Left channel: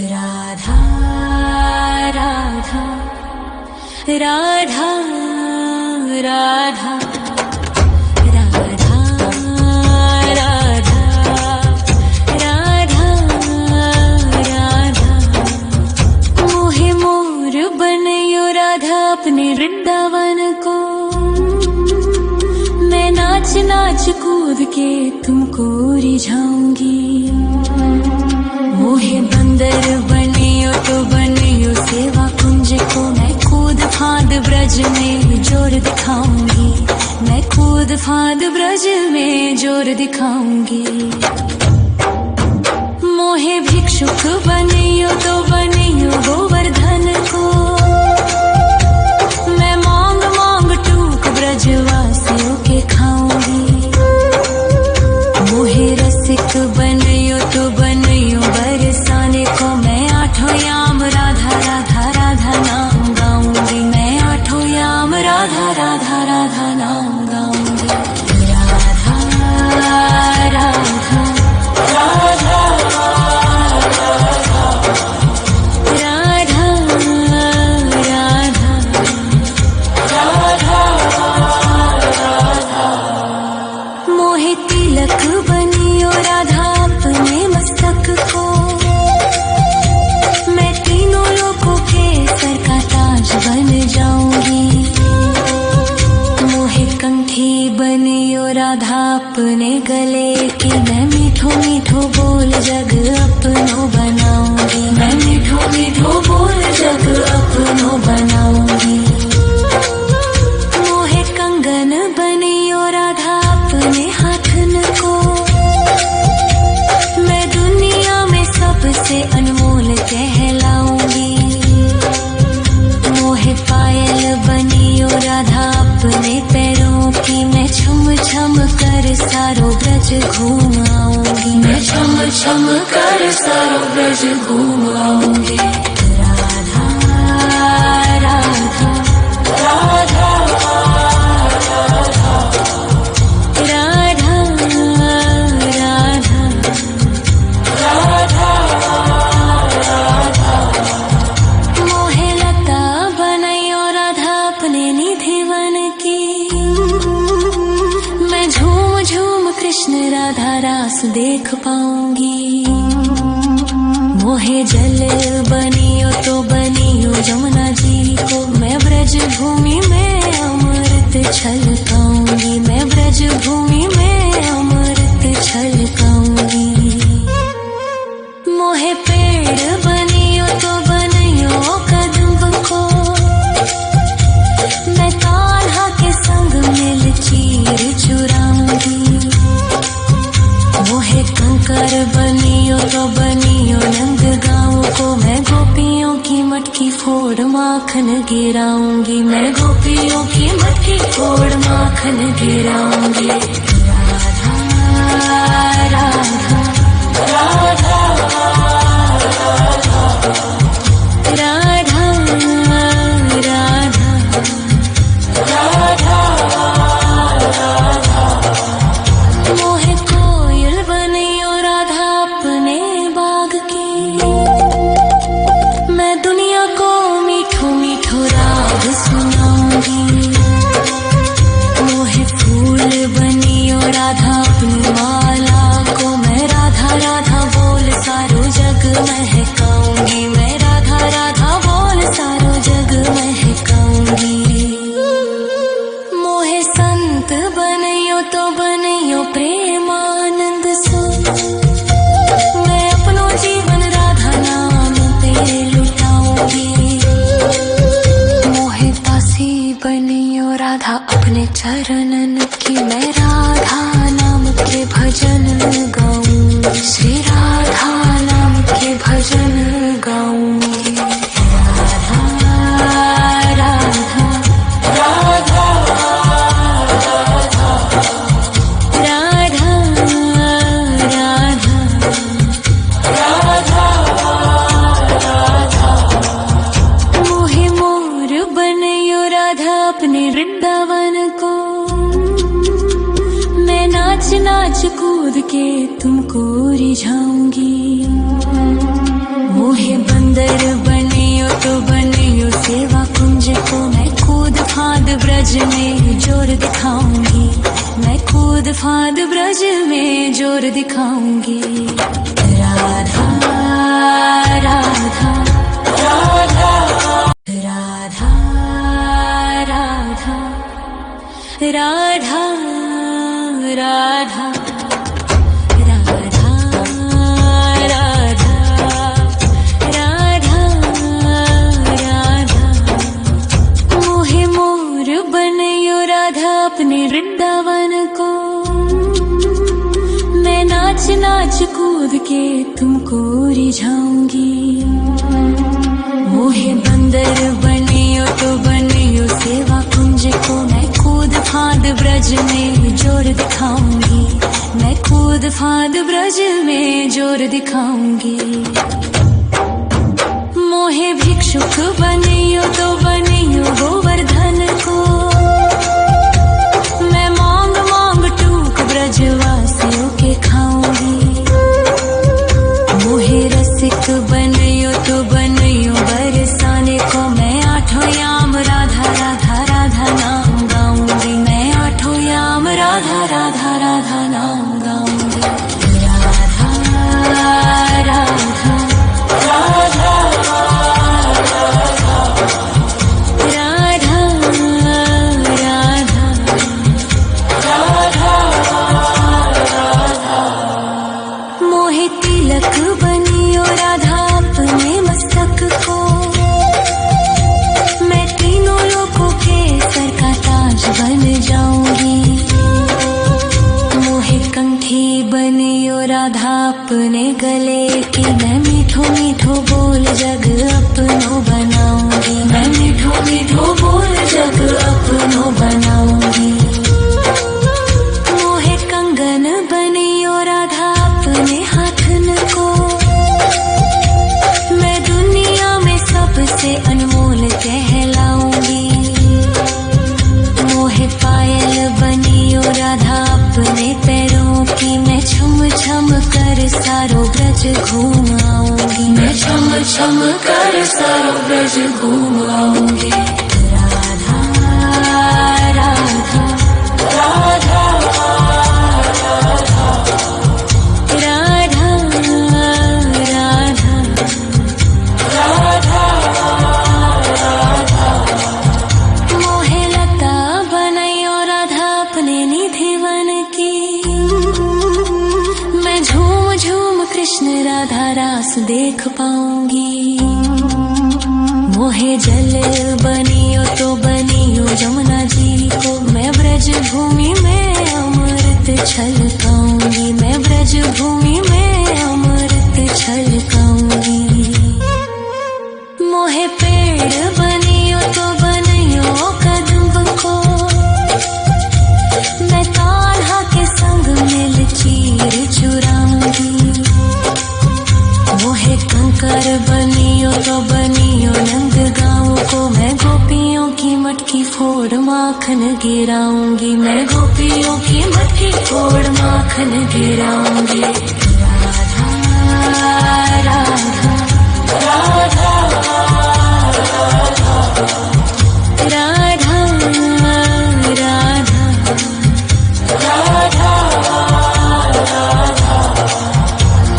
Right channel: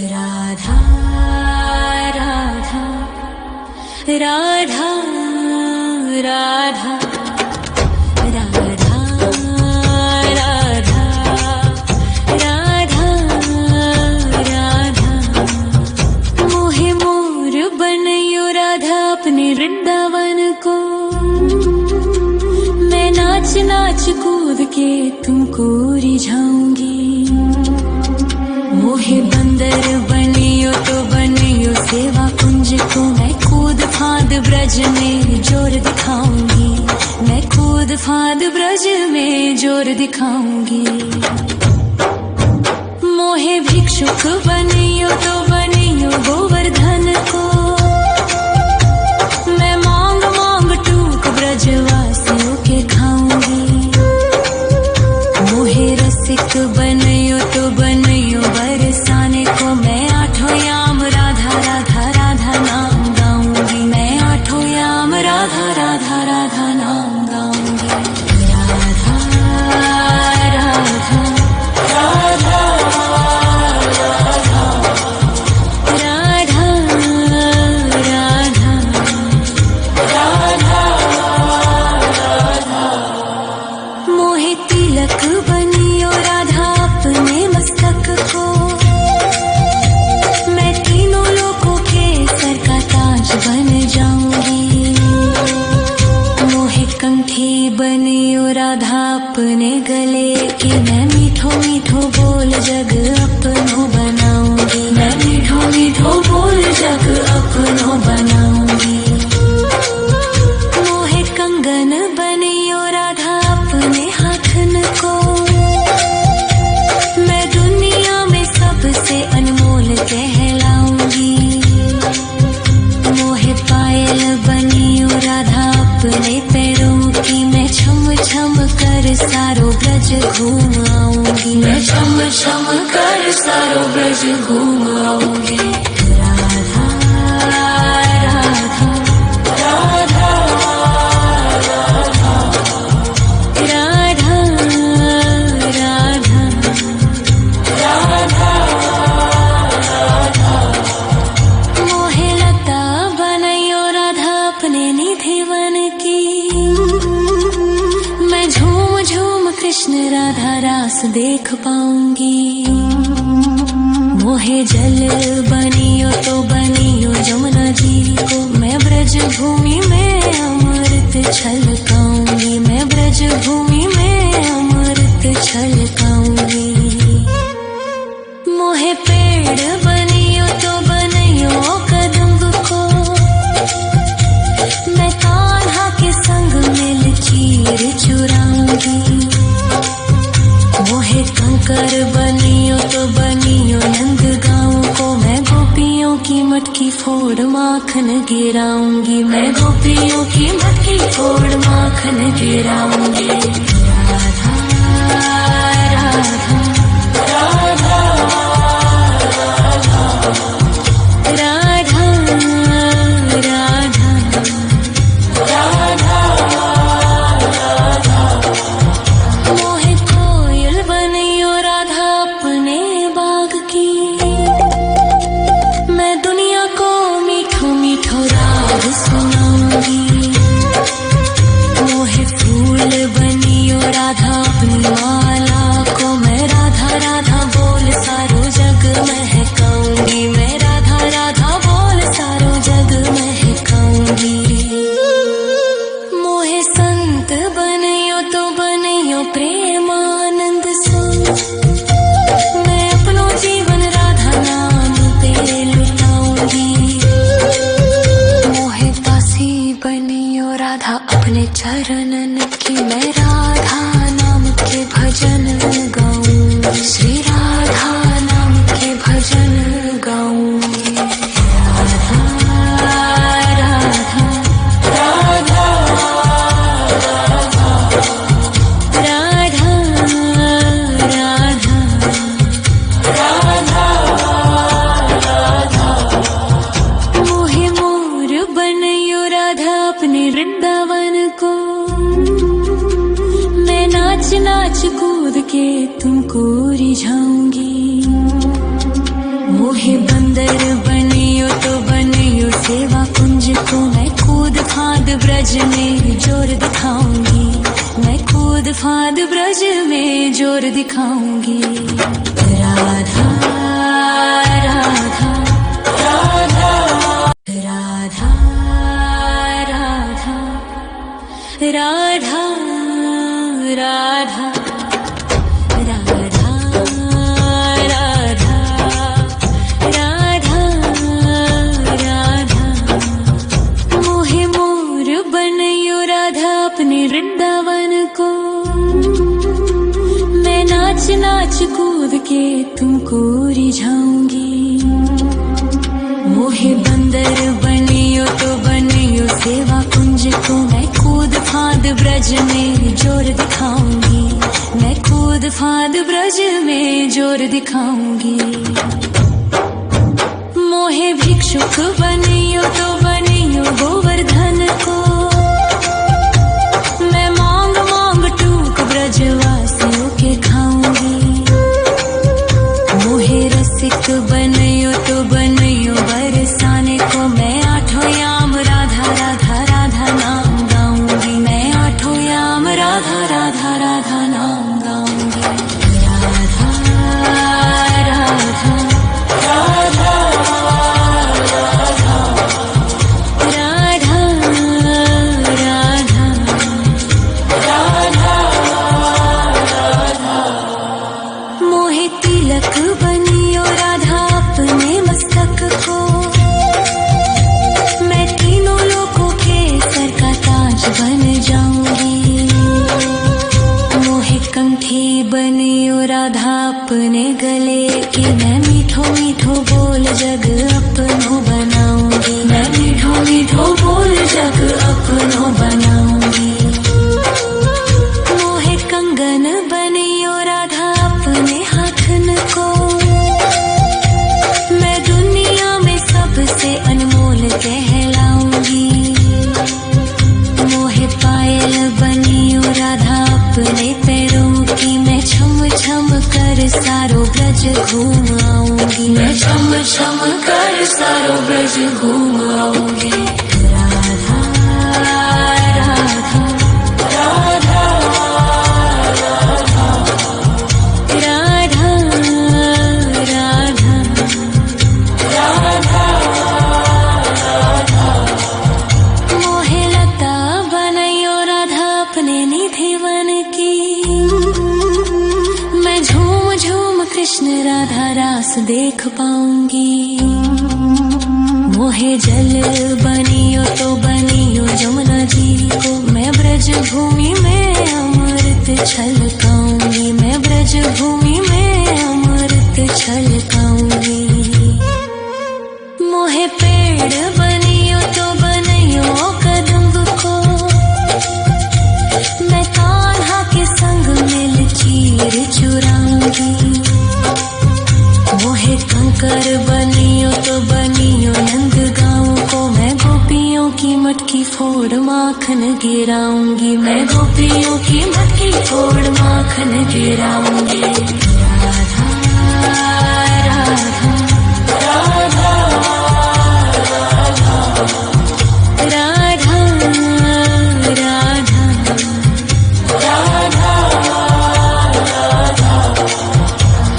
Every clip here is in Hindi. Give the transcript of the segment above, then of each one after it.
राधा राधा राधा राधा राधा राधा राधा राधा मोहे मोर बनयो राधा अपने वृंदावन को। मैं नाच नाच कूद के तुमको रिझाऊंगी। मोहे बंदर बनियो तो बनियो सेवा कुंज को। मैं कूद फांद ब्रज में जोर दिखाऊंगी। मैं कूद फांद ब्रज में जोर दिखाऊंगी। मोहे भिक्षुक बनियो तो बनियो गोवर्धन को। मैं मांग मांग टूक ब्रजवासियों के खाऊंगी। मोहे रसिक बनयो तो बनयो बरसाने को। मैं आठों याम राधा राधा राधा नाम गाऊंगी। मैं आठों याम राधा राधा राधा नाम गाऊंगी। राधा राधा राधा राधा राधा राधा राधा। मोहे तिलक बनियो राधा अपने मस्तक को। मैं तीनों लोगों के सर का ताज बन जाऊंगी। मोहे कंठी बनियो राधा अपने गले की। मैं मीठो मीठो बोल जग अपनो बनाऊंगी। मैं मीठो मीठो बोल जग अपनो बनाऊंगी। मोहे कंगन बनियो राधा अपने हाथन को। मैं दुनिया में सबसे अनमोल कहलाऊंगी। मोहे पायल बनियो राधा अपने पैरों की। मैं छम छम कर सारो ब्रज घूम आऊंगी। मैं छम छम कर सारो ब्रज घूम आऊंगी। राधा राधा राधा राधा राधा राधा राधा। मोहे लता बनयो राधा अपने निधि वन की। मैं झूम झूम कृष्ण राधा रास देख पाऊंगी। मोहे जल बनियो तो बनियो यमुना जी को। मैं ब्रज भूमि में अमृत छलकाऊंगी। मैं ब्रज भूमि में अमृत छलकाऊंगी। मोहे पेड़ बनियो तो बनियो कदम्ब को। मैं कान्हा के संग मिल चीर चुराऊंगी। मोहे कंकर बनियो तो बनियो नंद गाँव को। मैं गोपियों की मटकी फोड़ माखन गिराऊंगी। मैं गोपियों की मटकी फोड़ माखन गिराऊंगी। राधा राधा राधा राधा राधा राधा राधा। मोहे कोयल बनियो राधा अपने बाग की। मैं दुनिया को मीठो मीठो राग सुनाऊंगी। मोहे फूल बनियो राधा अपनी माला को। मैं राधा राधा बोल सारो जग महकाऊंगी। मैं राधा राधा बोल सारो जग महकाऊंगी। मोहे संत बनियो तो बनियो प्रेमानंद सो। मैं अपनो जीवन राधा नाम पे लुटाऊंगी। मोहे दासी बनियो राधा अपने चरणन की। मैं राधा नाम के भजन गाऊंगी। श्री राधा नाम के भजन गाऊंगी। राधा राधा राधा राधा राधा राधा राधा। मोहे मोर बनयो राधा अपने वृंदावन को। मैं नाच नाच कूद के तुमको रिझाऊंगी। मोहे बंदर बनियो तो बनियो सेवा कुंज को मैं कूद फाद ब्रज में जोर दिखाऊंगी, मैं कूद फाद ब्रज में जोर दिखाऊंगी। राधा राधा राधा राधा राधा राधा राधा राधा राधा राधा मोहे मोर बनयो राधा अपने वृंदावन को, मैं नाच नाच कूद के तुमको रिझाऊंगी। मोहे बंदर बनियो तो बनियो सेवा कुंज को मैं कूद फाद ब्रज में जोर दिखाऊंगी, मैं कूद फाद ब्रज में जोर दिखाऊंगी। मोहे भिक्षुक बनियो तो बनियो गोवर्धन को, मैं मांग मांग टूक ब्रजवासियों के खाऊंगी। मोहे रसिक बनियो तो बनियो बरसाने को, मैं आठों याम राधा राधा राधा नाम गाऊंगी, मैं आठों याम राधा राधा राधा नाम गाऊंगी। राधा राधा राधा राधा राधा राधा मोहे तिलक बनियो राधा अपने मस्तक को, मैं तीनों लोगों के सर का ताज बन जाऊंगी। मोहे कंठी बनियो राधा अपने गले की, मैं मीठो मीठो बोल जग अपनो बनाऊंगी, मैं मीठो मीठो बोल जग अपनो बनाऊंगी। मोहे कंगन बनियो राधा अपने हाथन को, मैं दुनिया में सबसे अनमोल कहलाऊंगी। मोहे पायल बनियो राधा अपने पैरों की, मैं छम छम कर सारो ब्रज घूम आऊंगी, मैं छम छम कर सारो ब्रज घूम आऊंगी। राधा राधा राधा राधा राधा राधा राधा मोहे लता बनयो राधा अपने निधिवन की, मैं झूम झूम कृष्ण राधा रास देख पाऊंगी। मोहे जल बनियो तो बनियो यमुना जी को, मैं ब्रज भूमि में अमृत छलकाऊंगी, मैं ब्रज भूमि में अमृत छलकाऊंगी। मोहे पेड़ बनियो तो बनियो कदम्ब को, मैं कान्हा के संग मिल चीर चुराऊंगी। मोहे कंकर बनियो तो बनियो नंद गाँव को, मैं गोपियों की मटकी फोड़ माखन गिराऊंगी, मैं गोपियों की मटकी फोड़ माखन गिराऊंगी। राधा राधा राधा राधा राधा राधा राधा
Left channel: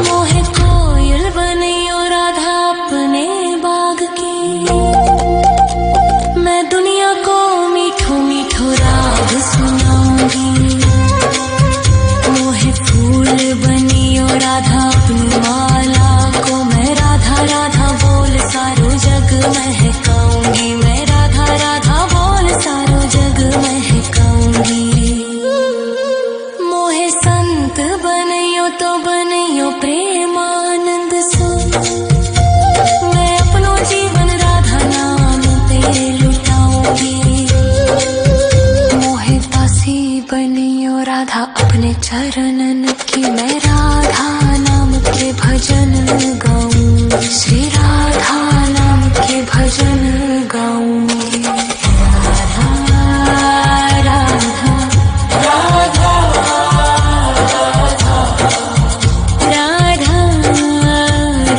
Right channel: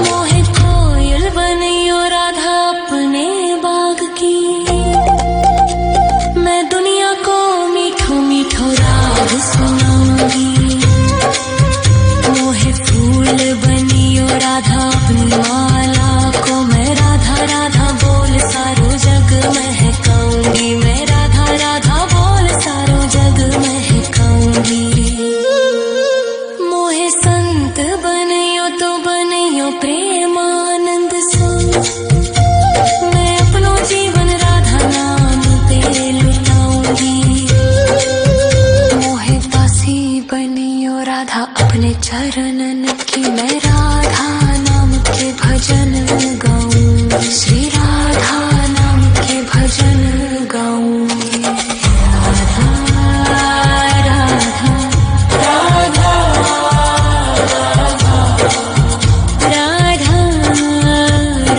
मोहे कोयल बनियो राधा अपने बाग की, मैं दुनिया को मीठो मीठो राग सुनाऊंगी। मोहे फूल बनियो राधा अपनी माला को, मैं राधा राधा बोल सारो जग महकाऊंगी, मैं राधा राधा बोल सारो जग महकाऊंगी। मोहे संत बनियो तो बनियो प्रेमानंद सो, मैं अपनो जीवन राधा नाम पे लुटाऊंगी। मोहे दासी बनियो राधा अपने चरणन की, मैं राधा नाम के भजन गाऊंगी, श्री राधा नाम के भजन गाऊंगी। राधा राधा राधा राधा राधा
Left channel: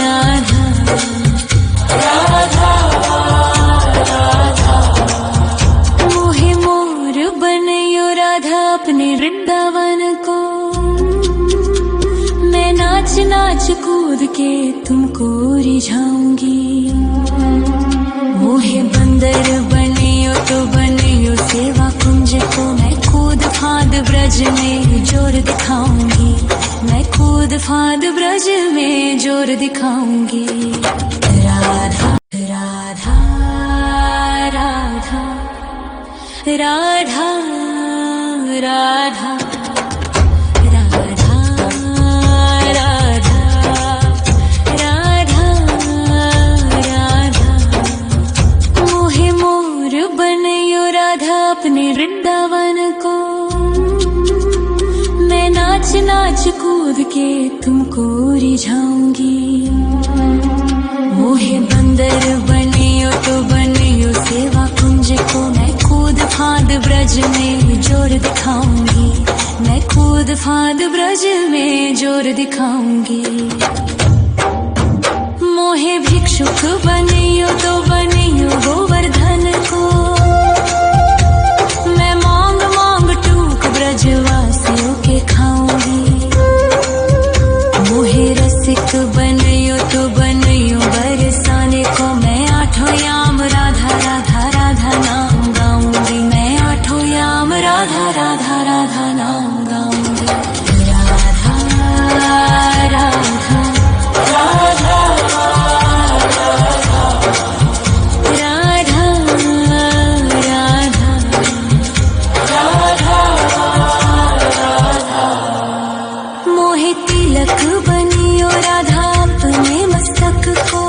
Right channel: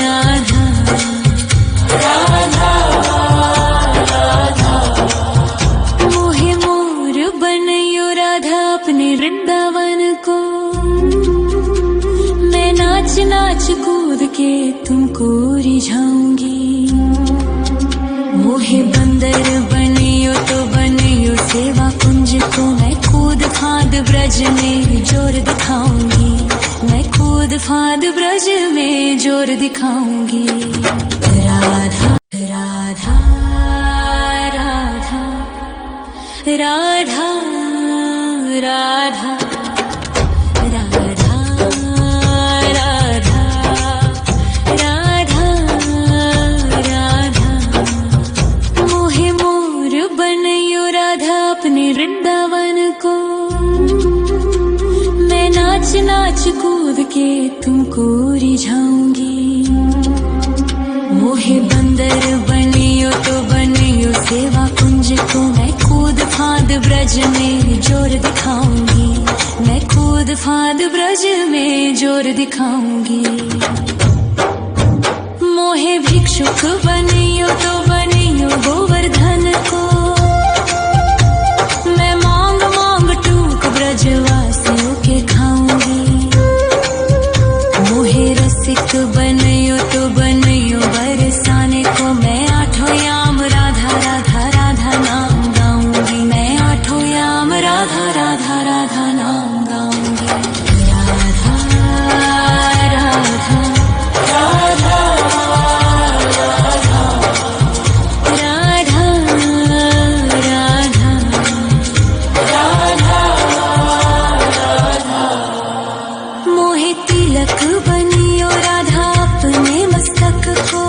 राधा कूद के तुमको रिझाऊंगी। मोहे बंदर बनियो तो बनियो सेवा कुंज को मैं कूद फाद ब्रज में जोर दिखाऊंगी। मैं कूद फाद ब्रज में जोर दिखाऊंगी। राधा राधा राधा राधा राधा राधा राधा राधा राधा। मोहे मोर बनयो राधा अपने वृंदावन को। मैं नाच नाच कूद के तुमको रिझाऊंगी। मोहे बंदर बनियो तो बनियो सेवा कुंज को मैं कूद फाद ब्रज में जोर दिखाऊंगी। मैं कूद फाद ब्रज में जोर दिखाऊंगी। मोहे भिक्षुक बनियो तो बनियो गोवर्धन को। मैं मांग मांग टूक ब्रजवासियों के खाऊंगी। मोहे रसिक बनियो तो बनियो बरसाने को मैं आठों याम राधा राधा राधा नाम गाऊंगी। मैं आठों याम राधा राधा राधा नाम गाऊंगी। राधा राधा राधा राधा राधा राधा राधा। मोहे तिलक बनियो राधा अपने मस्तक को।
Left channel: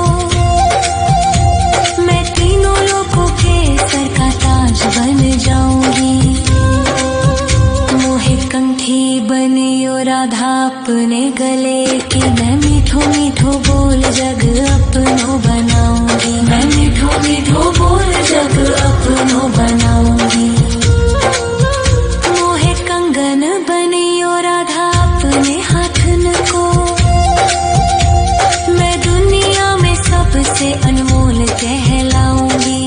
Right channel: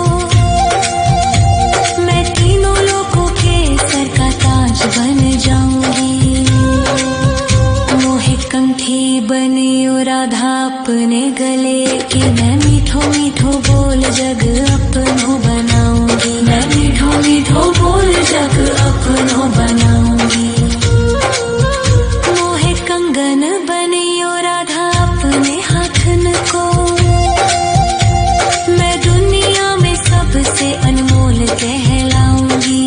मैं तीनों लोगों के सर का ताज बन जाऊंगी। मोहे कंठी बनियो राधा अपने गले की। मैं मीठो मीठो बोल जग अपनो बनाऊंगी। मैं मीठो मीठो बोल जग अपनो बनाऊंगी। मोहे कंगन बनियो राधा अपने हाथन को। मैं दुनिया में सबसे अनमोल कहलाऊंगी।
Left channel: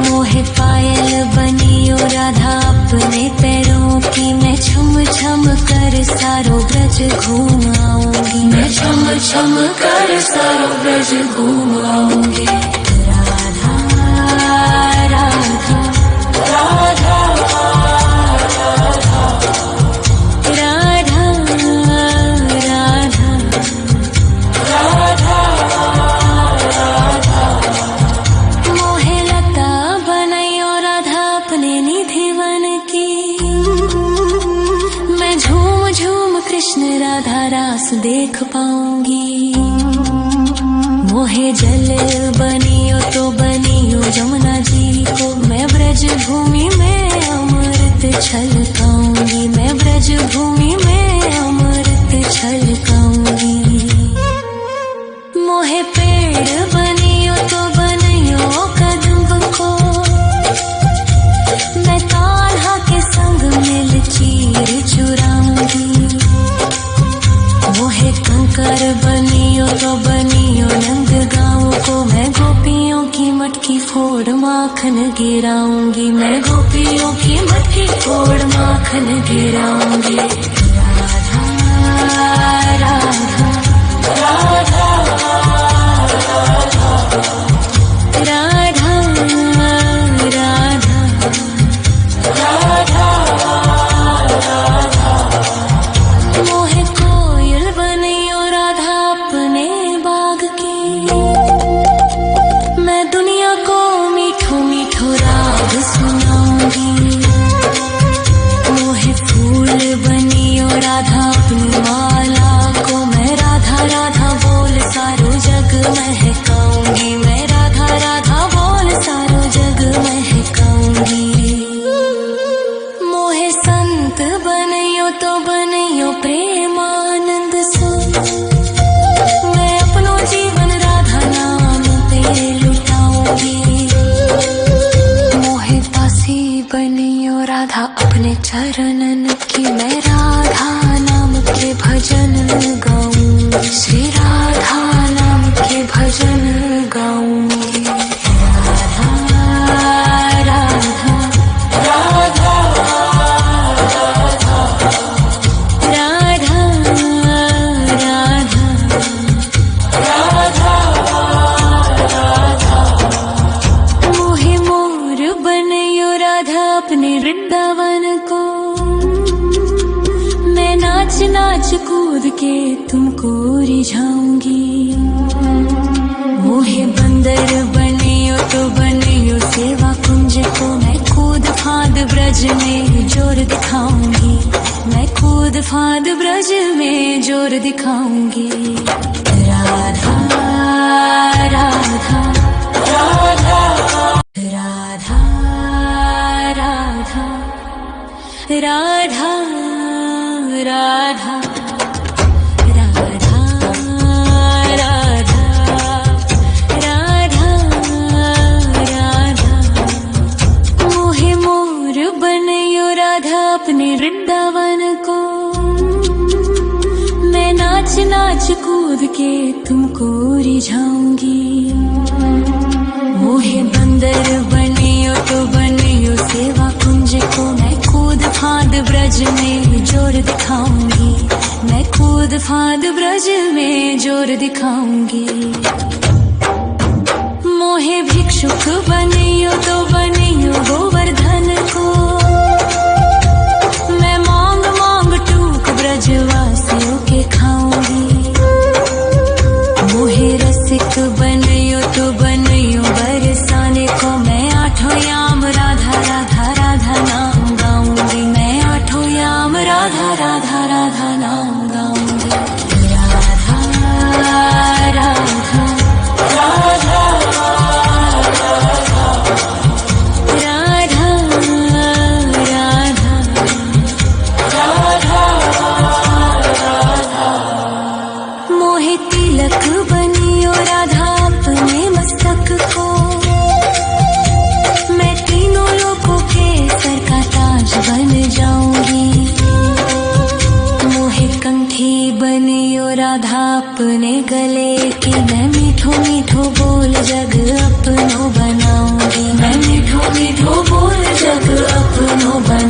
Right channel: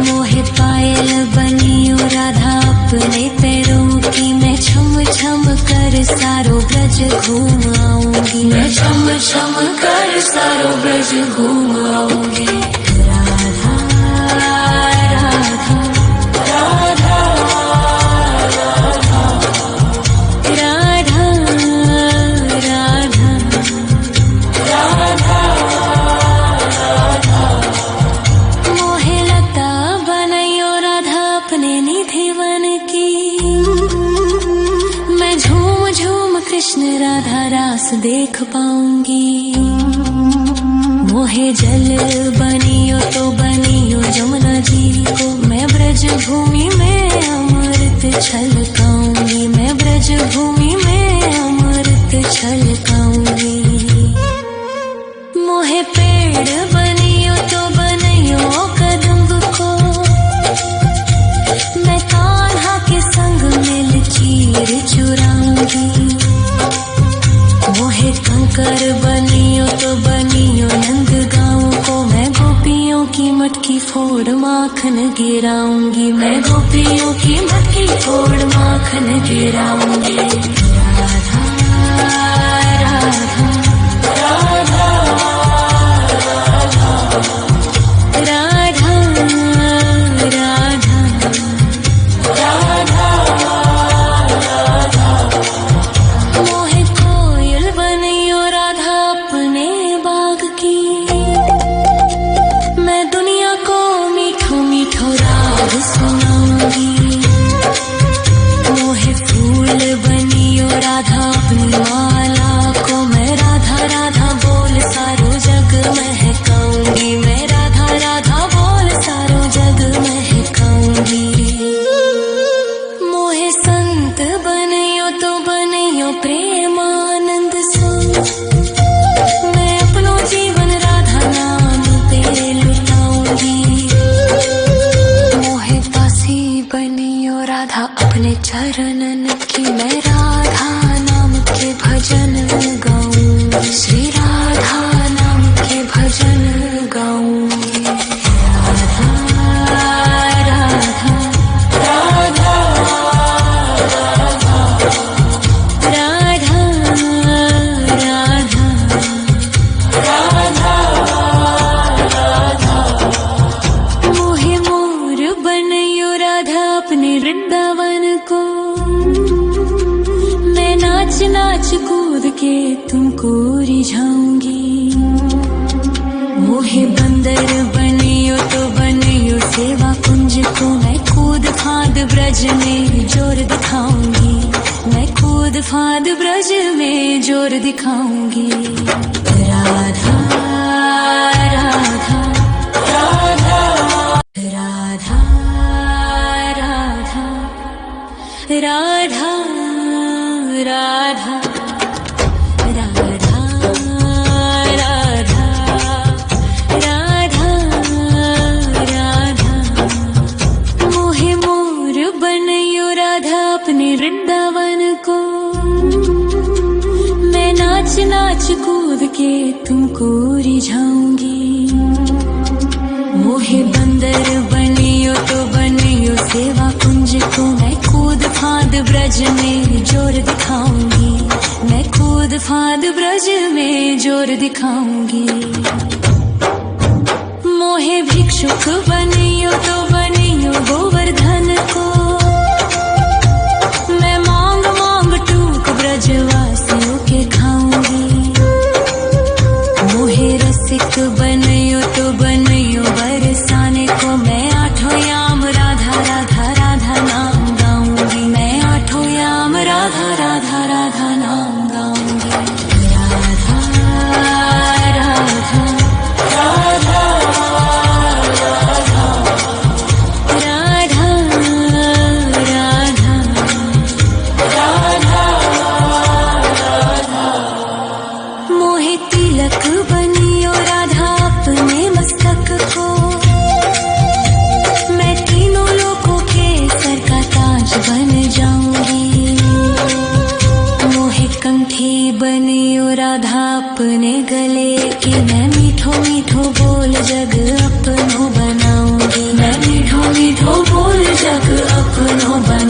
मोहे पायल बनियो राधा अपने पैरों की। मैं छम छम कर सारो ब्रज घूम आऊंगी। मैं छम छम कर सारो ब्रज घूम आऊंगी। राधा राधा राधा राधा राधा राधा राधा। मोहे लता बनयो राधा अपने निधिवन की। मैं झूम झूम कृष्ण राधा रास देख पाऊंगी। मोहे जल बनियो तो बनियो यमुना जी को। मैं ब्रज भूमि में अमृत छलकाऊंगी। मैं ब्रज भूमि में अमृत छलकाऊंगी। मोहे पेड़ बनियो तो बनियो कदम्ब को। मैं कान्हा के संग मिल चीर चुराऊंगी। मोहे कंकर बनियो तो बनियो नंद गाँव को। मैं गोपियों की मटकी फोड़ माखन गिराऊंगी। मैं गोपियों की मटकी फोड़ माखन गिराऊंगी। राधा राधा राधा राधा राधा राधा राधा। मोहे कोयल बनियो राधा अपने बाग की। मैं दुनिया को मीठो मीठो राग सुनाऊंगी। मोहे फूल बनियो राधा अपनी माला को। मैं राधा राधा बोल सारो जग महकाऊंगी। मैं राधा राधा बोल सारो जग महकाऊंगी। मोहे संत बनियो तो बनियो प्रेमानंद सो। मैं अपनो जीवन राधा नाम पे लुटाऊंगी। मोहे दासी बनियो राधा अपने चरणन की। मैं राधा नाम के भजन गाऊंगी। श्री राधा नाम के भजन गाऊंगी। राधा राधा राधा राधा राधा राधा नाच कूद के तुमको रिझाऊंगी। मोहे बंदर बनियो तो बनियो सेवा कुंज को, मैं कूद फांद ब्रज में जोर दिखाऊंगी। मैं कूद फांद ब्रज में जोर दिखाऊंगी। राधा राधा राधा राधा राधा राधा राधा राधा राधा राधा राधा। मोहे मोर बनयो राधा अपने वृंदावन को, मैं नाच नाच कूद के तुमको रिझाऊंगी। मोहे बंदर बनियो तो बनियो सेवा कुंज को, मैं कूद फांद ब्रज में जोर दिखाऊंगी। मैं कूद फांद ब्रज में जोर दिखाऊंगी। मोहे भिक्षुक बनियो तो बनियो गोवर्धन को, मैं मांग मांग टूक ब्रजवासियों के खाऊंगी। मोहे रसिक बनियो तो बनियो बरसाने को, मैं आठों याम राधा राधा राधा नाम गाऊंगी। मैं आठों याम राधा राधा राधा नाम गाऊंगी। राधा राधा राधा राधा राधा राधा राधा। मोहे तिलक बनियो राधा अपने मस्तक को, मैं तीनों लोगों के सर का ताज बन जाऊंगी। मोहे कंठी बनियो राधा अपने गले की, मैं मीठो मीठो बोल जग अपनो बनाऊंगी। मैं मीठो मीठो बोल जग अपनो बना